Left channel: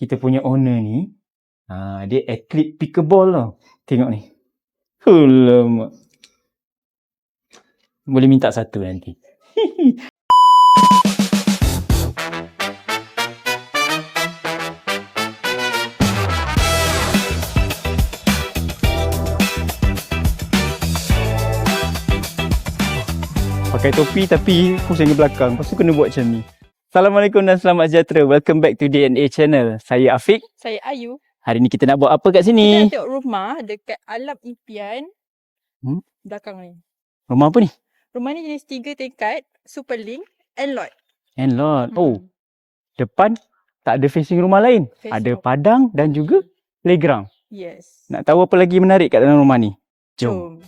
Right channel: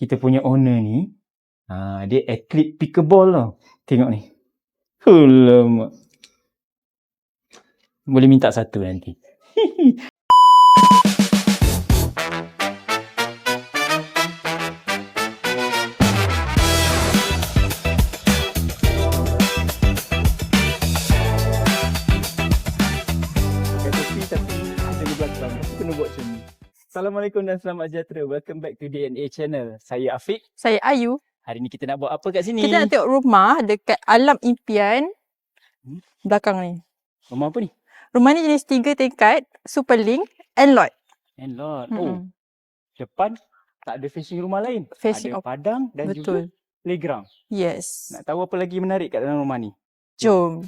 kita punya owner ni, dia atlet pickleball tau. Tengok ni. Alamak. Boleh minta satu nanti. Pakai topi tapi pusing ke belakang. Lepas tu kena buat macam ni. Assalamualaikum dan selamat sejahtera. Welcome back to DNA Channel. Saya Afiq. Saya Ayu. Hari ni kita nak buat apa kat sini? Kita nak tengok rumah dekat Alam Impian. Belakang ni. Rumah apa ni? Rumah ni jenis 3 tingkat, Superlink and lot. And lot. Oh, depan tak ada facing rumah lain. Ada Facing padang dan juga playground. Yes. Nak tahu apa lagi menarik kat dalam rumah ni? Jom.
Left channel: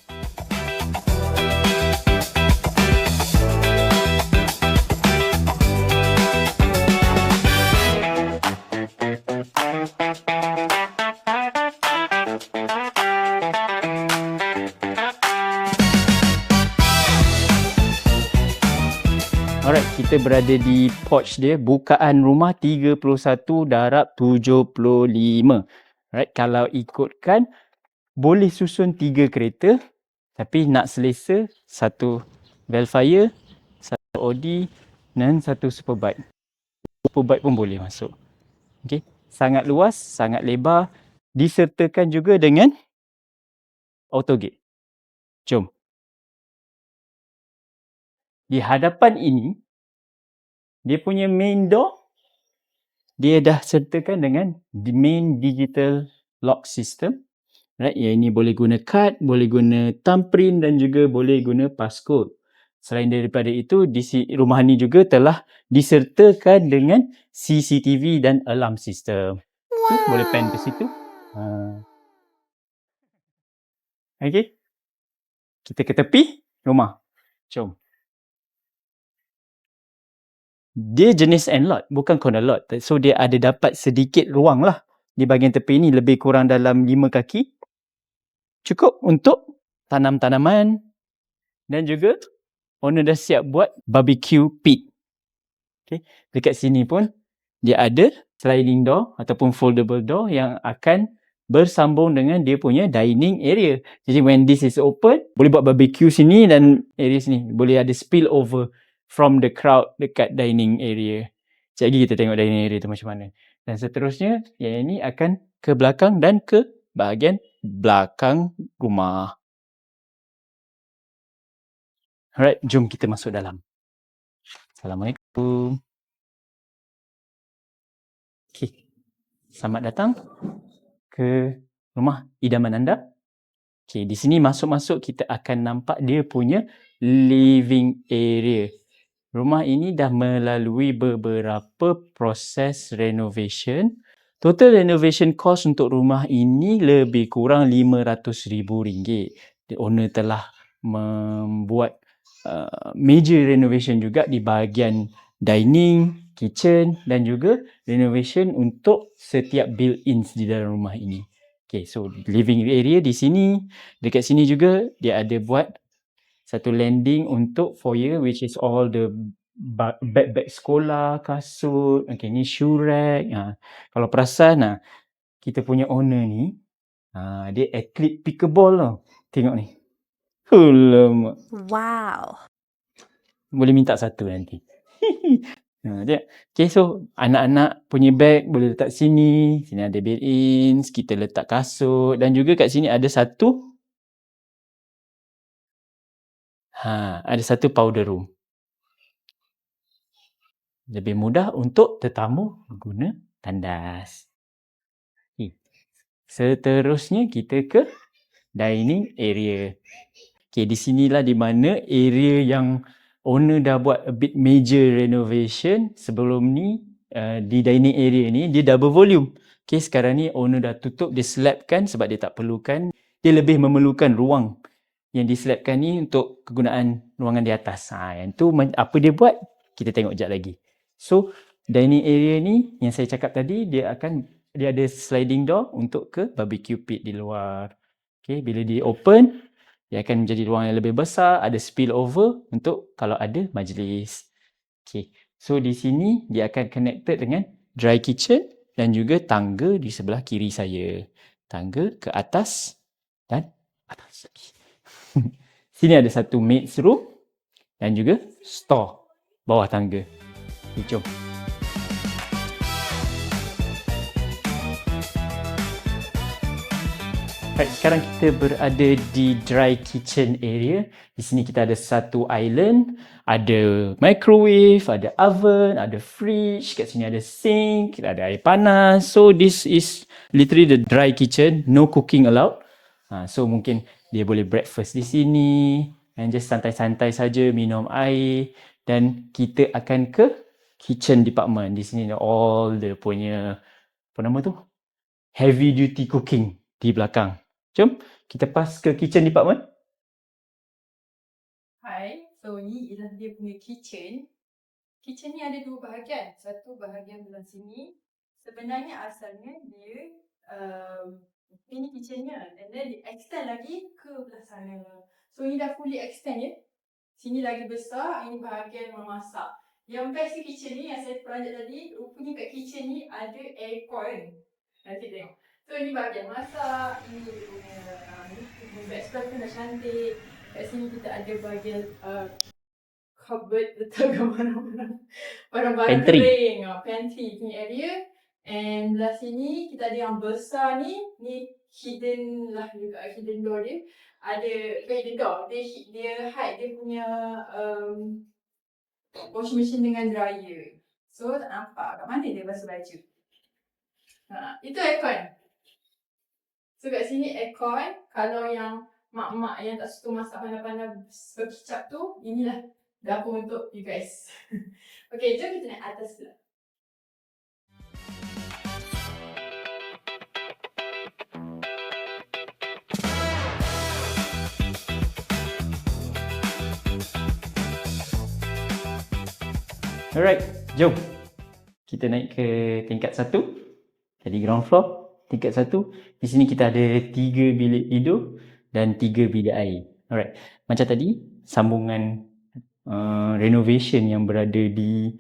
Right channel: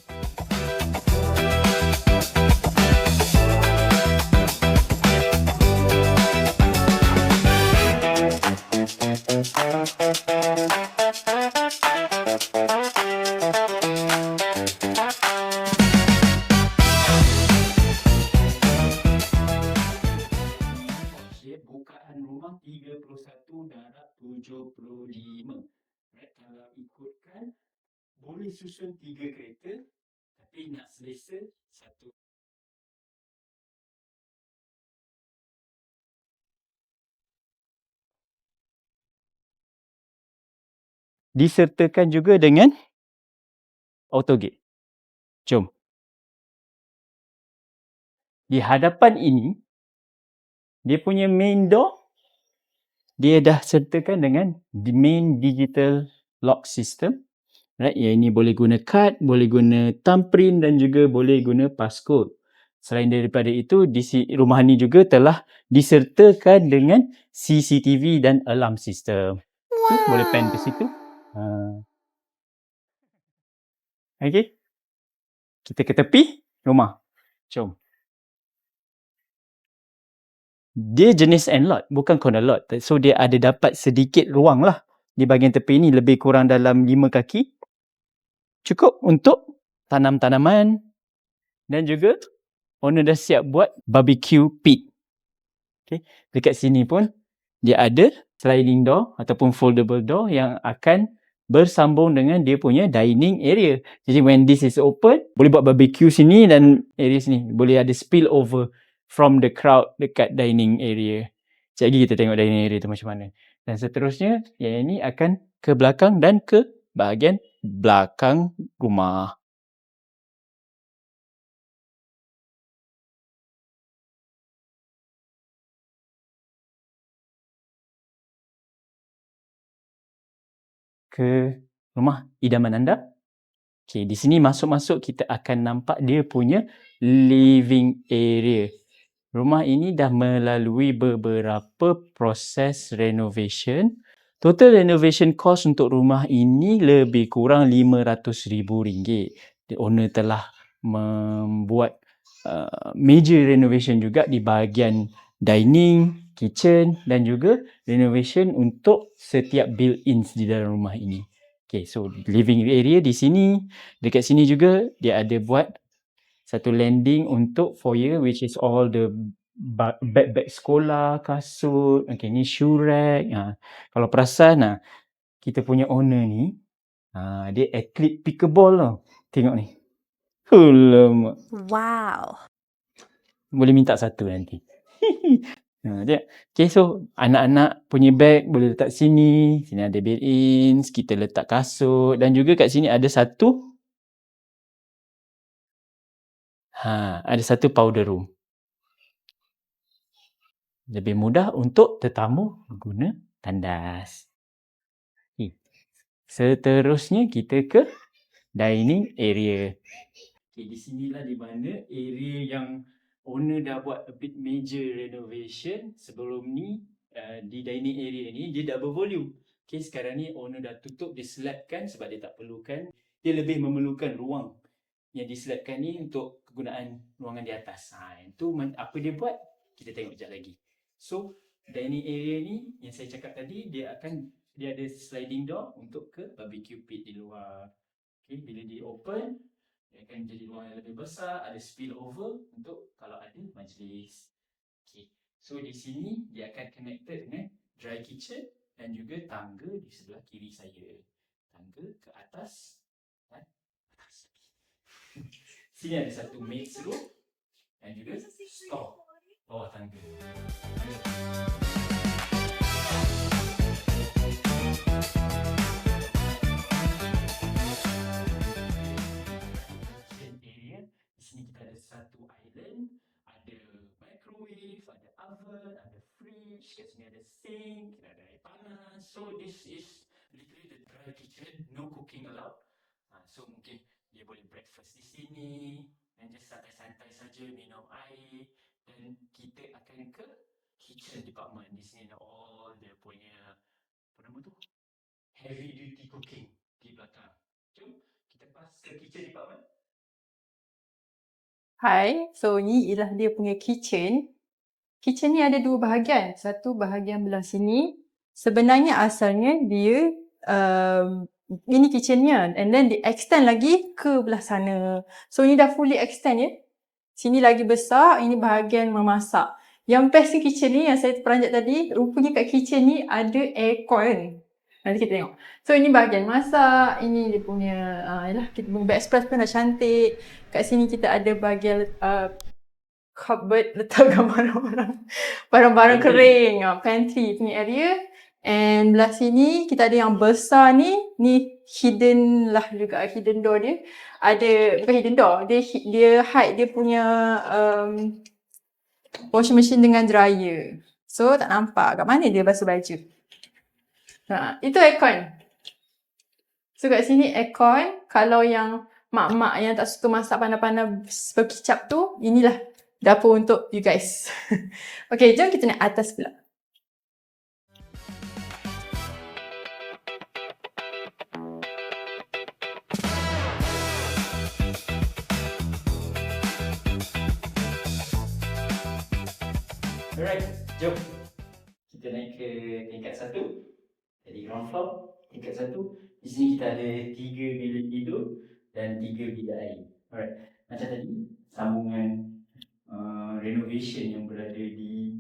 Alright, kita berada di porch dia. Bukaan rumah 31 darab 75. Alright, kalau ikutkan boleh susun 3 kereta. Tapi nak selesa, 1 Velfire, 1 Audi dan 1 Superbike. Superbike pun boleh masuk. Okay. Sangat luas, sangat lebar. Disertakan juga dengan auto gate. Jom. Di hadapan ini, dia punya main door, dia dah sertakan dengan main digital lock system. Right, yang ini boleh guna kad, boleh guna thumbprint dan juga boleh guna passcode. Selain daripada itu, di rumah ni juga telah disertakan dengan CCTV dan alarm system. Wow. Boleh pan ke situ. Okay. Kita ke tepi rumah. Jom. Dia jenis end lot, bukan corner lot. So, dia ada dapat sedikit ruang lah. Di bahagian tepi ni lebih kurang dalam 5 kaki. Cukup untuk tanam tanaman. Dan juga owner dah siap buat barbecue pit. Okay. Dekat sini pun dia ada sliding door ataupun foldable door yang akan bersambung dengan dia punya dining area. Jadi when this is open, boleh buat barbecue sini dan area sini. Boleh ada spill over from the crowd dekat dining area. Sekejap lagi kita tengok dining area tu macam mana. Dan seterusnya, yang ini akan ke belakang dan ke bahagian belakang rumah. Alright, jom kita masuk dalam. Assalamualaikum. Okay. Selamat datang ke rumah idaman anda. Okay, di sini masuk-masuk kita akan nampak dia punya living area. Rumah ini dah melalui beberapa proses renovation. Total renovation cost untuk rumah ini lebih kurang RM500,000. The owner telah membuat major renovation juga di bahagian dining, kitchen dan juga renovation untuk setiap built-ins di dalam rumah ini. Okay, so living area di sini. Dekat sini juga dia ada buat satu landing untuk foyer, which is all the bag-bag sekolah, kasut. Okay, ni shoe rack. Kalau perasan, kita punya owner ni, dia atlet pickleball tau. Tengok ni. Alamak. Wow. Boleh minta satu nanti. Okay, so anak-anak punya bag boleh letak sini. Sini ada built-ins, kita letak kasut. Dan juga kat sini ada satu powder room. Lebih mudah untuk tetamu guna tandas. Okay. Seterusnya kita ke dining area. Okay, di sinilah di mana area yang owner dah buat a bit major renovation. Sebelum ni, di dining area ni, dia double volume. Okay, sekarang ni owner dah tutup, dia slabkan sebab dia tak perlukan. Dia lebih memerlukan ruang yang dislabkan ni untuk kegunaan ruangan di atas. Yang tu apa dia buat? Kita tengok sekejap lagi. So, dining area ni yang saya cakap tadi, dia ada sliding door untuk ke barbecue pit di luar. Okay, bila dia open, dia akan menjadi ruang yang lebih besar, ada spill over untuk kalau ada majlis. Okay, so di sini dia akan connected dengan dry kitchen dan juga tangga di sebelah kiri saya. Tangga ke atas dan atas lagi. Sini ada satu maid's room dan juga store bawah tangga. Jom. Right, sekarang kita berada di dry kitchen area. Di sini kita ada satu island, ada microwave, ada oven, ada fridge, kat sini ada sink, ada air panas. So this is literally the dry kitchen, no cooking allowed. So mungkin dia boleh breakfast di sini and just santai-santai saja minum air, dan kita akan ke kitchen department. Di sini ada all the punya apa nama tu? Heavy duty cooking di belakang. Jom kita pass ke kitchen department. Hai, so ni ialah dia punya kitchen. Kitchen ni ada dua bahagian. Satu bahagian belah sini. Sebenarnya asalnya dia ini kitchennya, and then di extend lagi ke belah sana. So ni dah fully extend ya. Sini lagi besar, ini bahagian memasak. Yang best di kitchen ni yang saya peranjat tadi, rupanya kat kitchen ni ada aircon. Nanti kita tengok. So ini bahagian masak, ini dia punya yalah, kita punya backsplash pun dah cantik. Kat sini kita ada bahagian cupboard, letakkan barang-barang Pantry. kering, pantry punya area. And belah sini kita ada yang besar ni hidden lah juga, hidden door dia. Ada, bukan hidden door, dia hide dia punya washing machine dengan dryer. So tak nampak kat mana dia basuh baju. Itu aircon. So kat sini aircon. Kalau yang mak-mak yang tak suka masak pandai-pandai berkicap tu, inilah dapur untuk you guys. Okay, jom kita naik atas pula. Alright, jom. Kita naik ke tingkat 1. Tadi ground floor, tingkat 1. Di sini kita ada 3 bilik tidur dan 3 bilik air. Alright, macam tadi, sambungan renovation yang berada di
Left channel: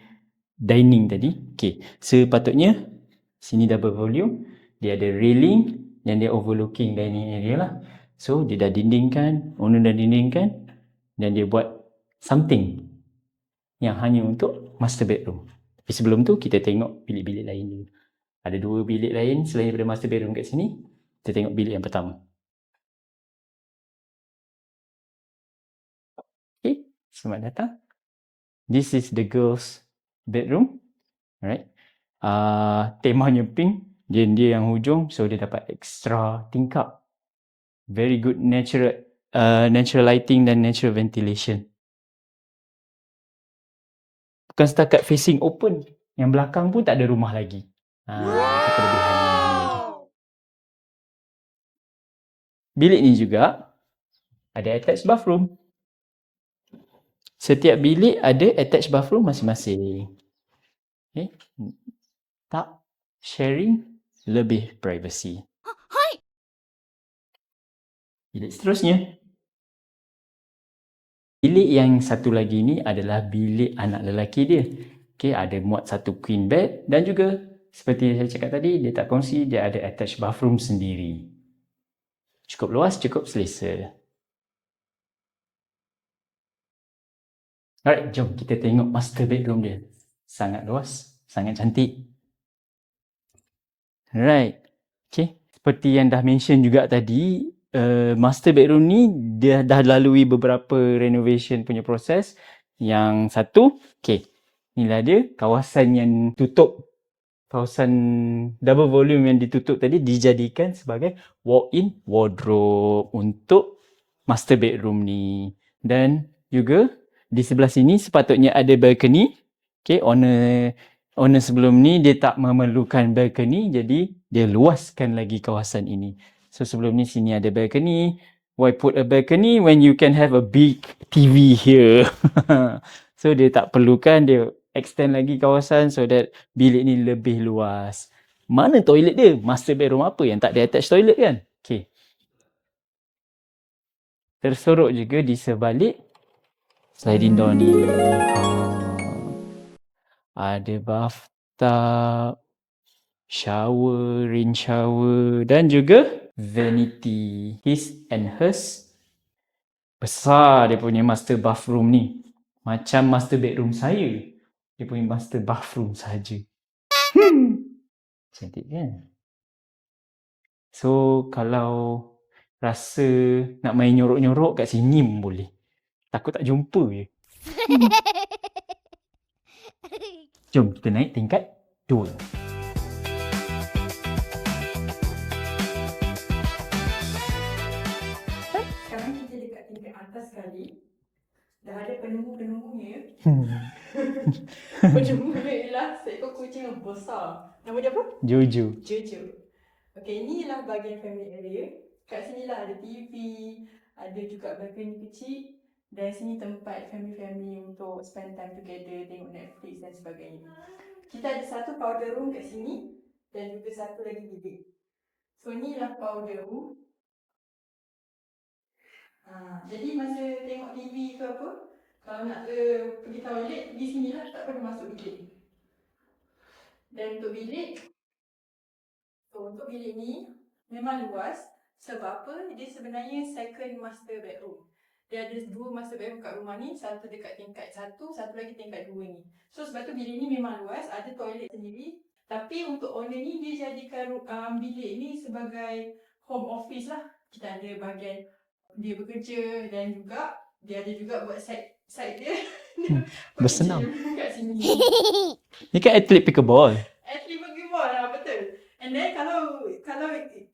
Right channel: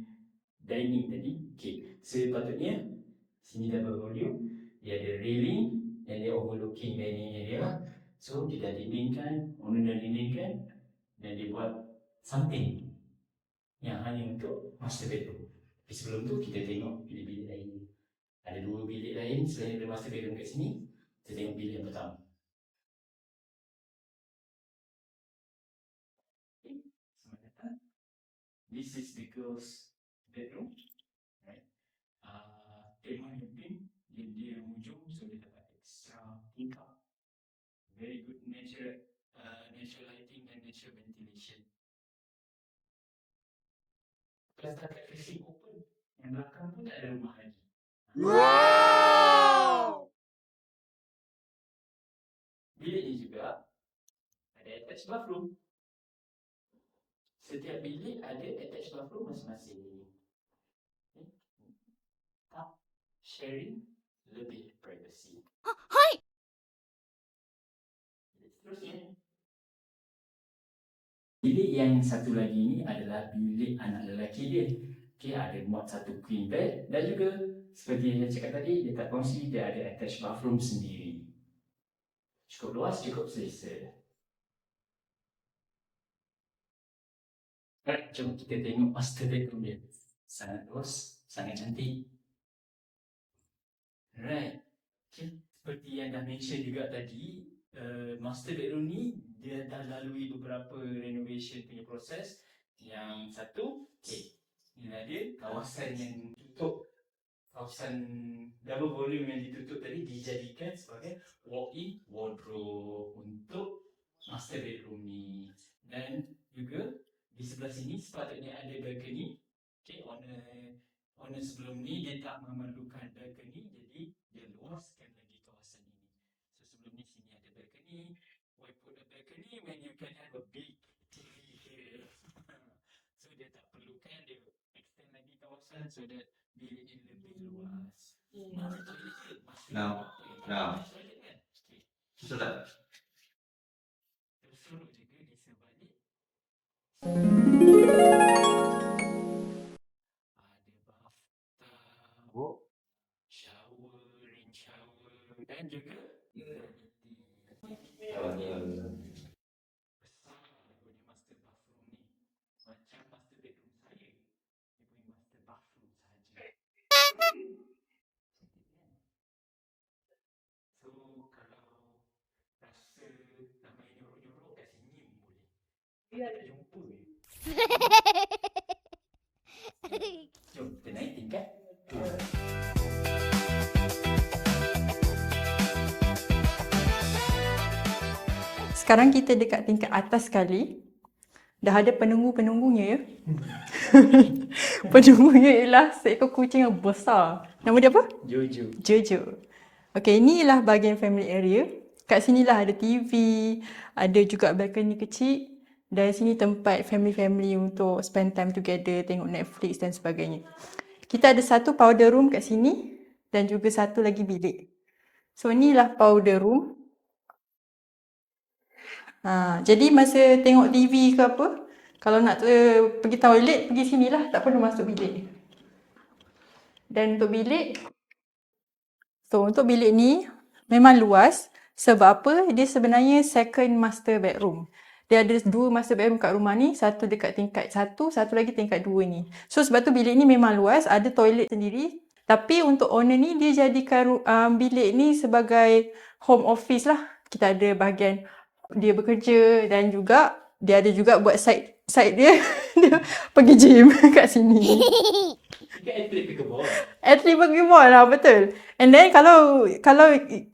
dining tadi. Okay, sepatutnya sini double volume, dia ada railing dan dia overlooking dining area lah. So dia dah dindingkan, owner dah dindingkan, dan dia buat something yang hanya untuk master bedroom. Tapi sebelum tu kita tengok bilik-bilik lain dulu. Ada 2 bilik lain selain daripada master bedroom kat sini. Kita tengok bilik yang pertama. Okay, selamat datang. This is the girls' bedroom. Alright. Temanya pink. Dia yang hujung, so dia dapat extra tingkap. Very good natural lighting dan natural ventilation. Bukan setakat facing open, yang belakang pun tak ada rumah lagi. Wow! Bilik ni juga ada attached bathroom. Setiap bilik ada attached bathroom masing-masing. Okay. Tak sharing, lebih privacy. Hai. Bilik seterusnya. Bilik yang satu lagi ni adalah bilik anak lelaki dia. Okay, ada muat satu queen bed dan juga seperti yang saya cakap tadi, dia tak kongsi, dia ada attached bathroom sendiri. Cukup luas, cukup selesa. Alright, jom kita tengok master bedroom dia. Sangat luas, sangat cantik. Alright, okay. Seperti yang dah mention juga tadi, master bedroom ni dia dah lalui beberapa renovation punya proses. Yang satu, okay, inilah dia kawasan yang tutup, kawasan double volume yang ditutup tadi dijadikan sebagai walk-in wardrobe untuk master bedroom ni. Dan juga di sebelah sini sepatutnya ada balcony. Okay, owner sebelum ni dia tak memerlukan balcony, jadi dia luaskan lagi kawasan ini. So sebelum ni sini ada balcony. Why put a balcony when you can have a big TV here? So dia tak perlukan, dia extend lagi kawasan so that bilik ni lebih luas. Mana toilet dia? Master bedroom apa yang tak ada attached toilet kan? Okay. Tersorok juga di sebalik sliding door ni. Ada bathtub, shower, rain shower dan juga vanity. His and hers. Besar dia punya master bathroom ni. Macam master bedroom saya. Dia punya master bathroom saja. Cantik kan? So kalau rasa nak main nyorok-nyorok kat sini pun boleh. Takut tak jumpa je. Jom kita naik tingkat 2. Sekarang kita dekat tingkat atas sekali. Dah ada penunggu-penunggunya ya. Penunggunya ialah seekor kucing yang besar. Nama dia apa? Jojo. Jojo. Okey, inilah bahagian family area. Kat sinilah ada TV, ada juga balcony kecil. Dan sini tempat family-family untuk spend time together, tengok Netflix dan sebagainya. Kita ada satu powder room kat sini dan juga satu lagi bilik. So inilah powder room. Jadi masa tengok TV ke apa, kalau nak pergi toilet, pergi sinilah, tak perlu masuk bilik. Dan untuk bilik, untuk bilik ni memang luas. Sebab apa? Dia sebenarnya second master bedroom. Dia ada 2 master bedroom kat rumah ni, satu dekat tingkat 1, satu lagi tingkat 2 ni. So sebab tu bilik ni memang luas, ada toilet sendiri. Tapi untuk owner ni, dia jadikan bilik ni sebagai home office lah. Kita ada bahagian dia bekerja dan juga dia ada juga buat side dia. Dia pergi gym kat sini. Ni kan atlet pickleball. Atlet pickleball lah, betul. And then kalau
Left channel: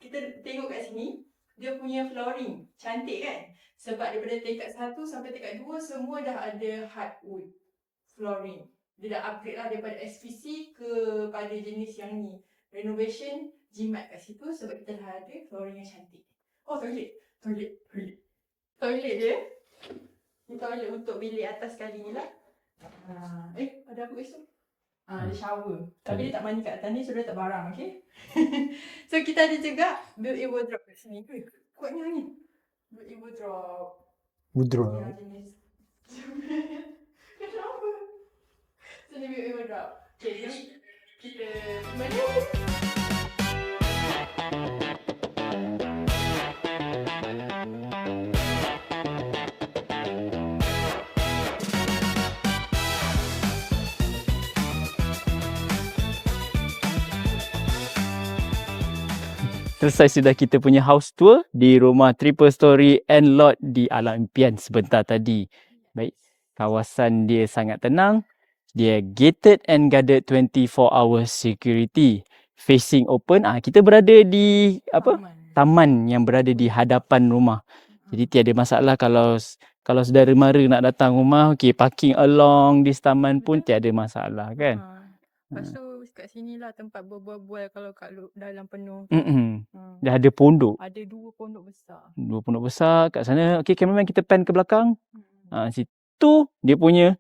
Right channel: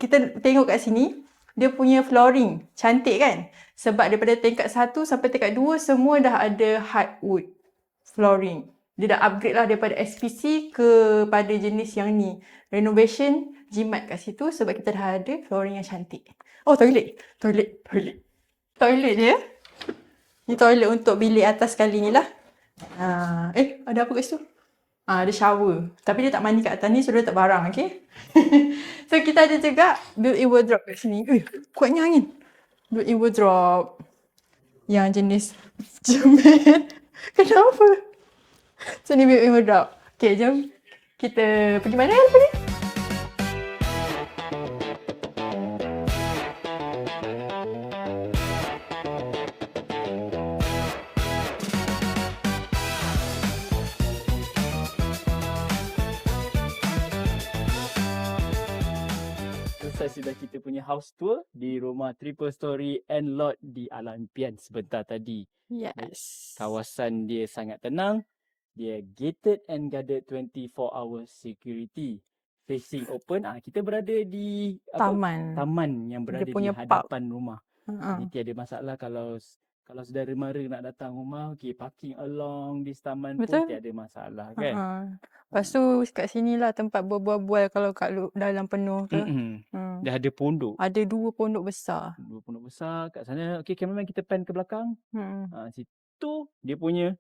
kita tengok kat sini, dia punya flooring cantik kan? Sebab daripada tingkat 1 sampai tingkat 2 semua dah ada hardwood flooring. Dia dah upgrade lah daripada SPC kepada jenis yang ni. Renovation jimat kat situ sebab kita dah ada flooring yang cantik. Oh, toilet dia. Ni toilet untuk bilik atas kali ni lah. Ada apa kat situ? Ada shower. Tapi dia tak mandi kat atas ni, so dia tak barang, okay? So kita ada juga built-in wardrobe kat sini. Kuatnya angin. Built-in wardrobe. Yang jenis cermin. Kenapa? So ni built-in wardrobe. Okay, jom kita pergi mana tadi? Selesai sudah kita punya house tour di rumah triple story and lot di Alam Impian sebentar tadi. Yes. Baik, kawasan dia sangat tenang. Dia gated and guarded 24 hours security. Facing open. Kita berada di taman yang berada di hadapan rumah. Jadi tiada masalah kalau saudara mara nak datang rumah, okey, parking along di taman pun tiada masalah kan. Lepas tu kat sinilah tempat berbual-bual kalau kat dalam penuh tu. Dah ada pondok. Ada 2 pondok besar. 2 pondok besar kat sana. Okey, cameraman kita pan ke belakang. Situ dia punya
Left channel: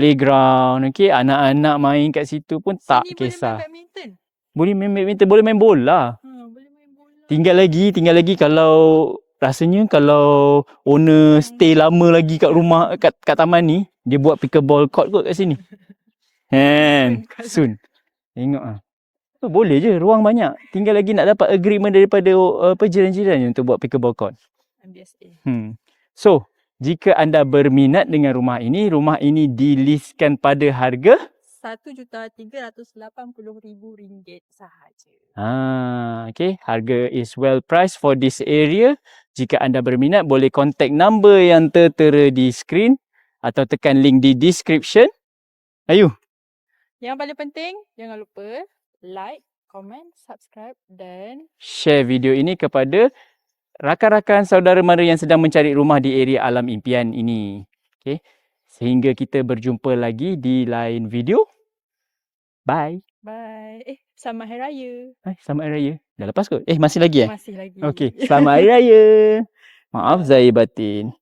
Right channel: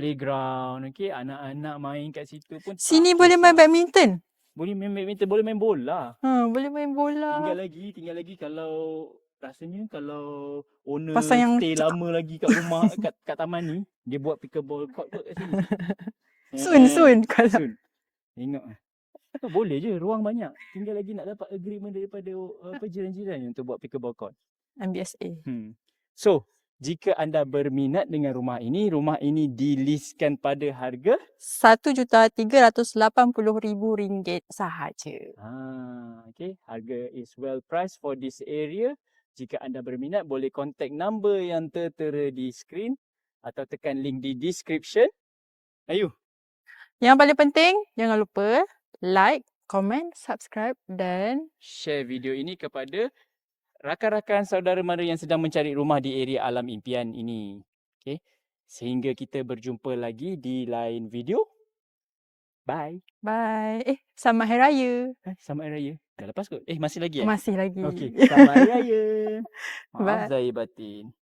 playground. Okey, anak-anak main kat situ pun tak Sini kisah. boleh main badminton. Boleh main badminton, boleh main bola. Boleh main bola. Tinggal lagi kalau rasanya kalau owner stay lama lagi kat rumah kat taman ni, dia buat pickleball court kot kat sini. Soon. Tengok boleh je, ruang banyak. Tinggal lagi nak dapat agreement daripada jiran-jiran untuk buat pickleball court. MBSA. So, jika anda berminat dengan rumah ini dilistkan pada harga RM1,380,000 sahaja. Okay, harga is well priced for this area. Jika anda berminat, boleh contact number yang tertera di screen atau tekan link di description. Ayu. Yang paling penting, jangan lupa like, comment, subscribe dan share video ini kepada rakan-rakan saudara mara yang sedang mencari rumah di area Alam Impian ini. Okay. Sehingga kita berjumpa lagi di lain video. Bye. Bye. Selamat Hari Raya. Selamat Hari Raya. Dah lepas kot? Masih lagi Masih lagi. Okey. Selamat Hari Raya. Maaf Zahir batin.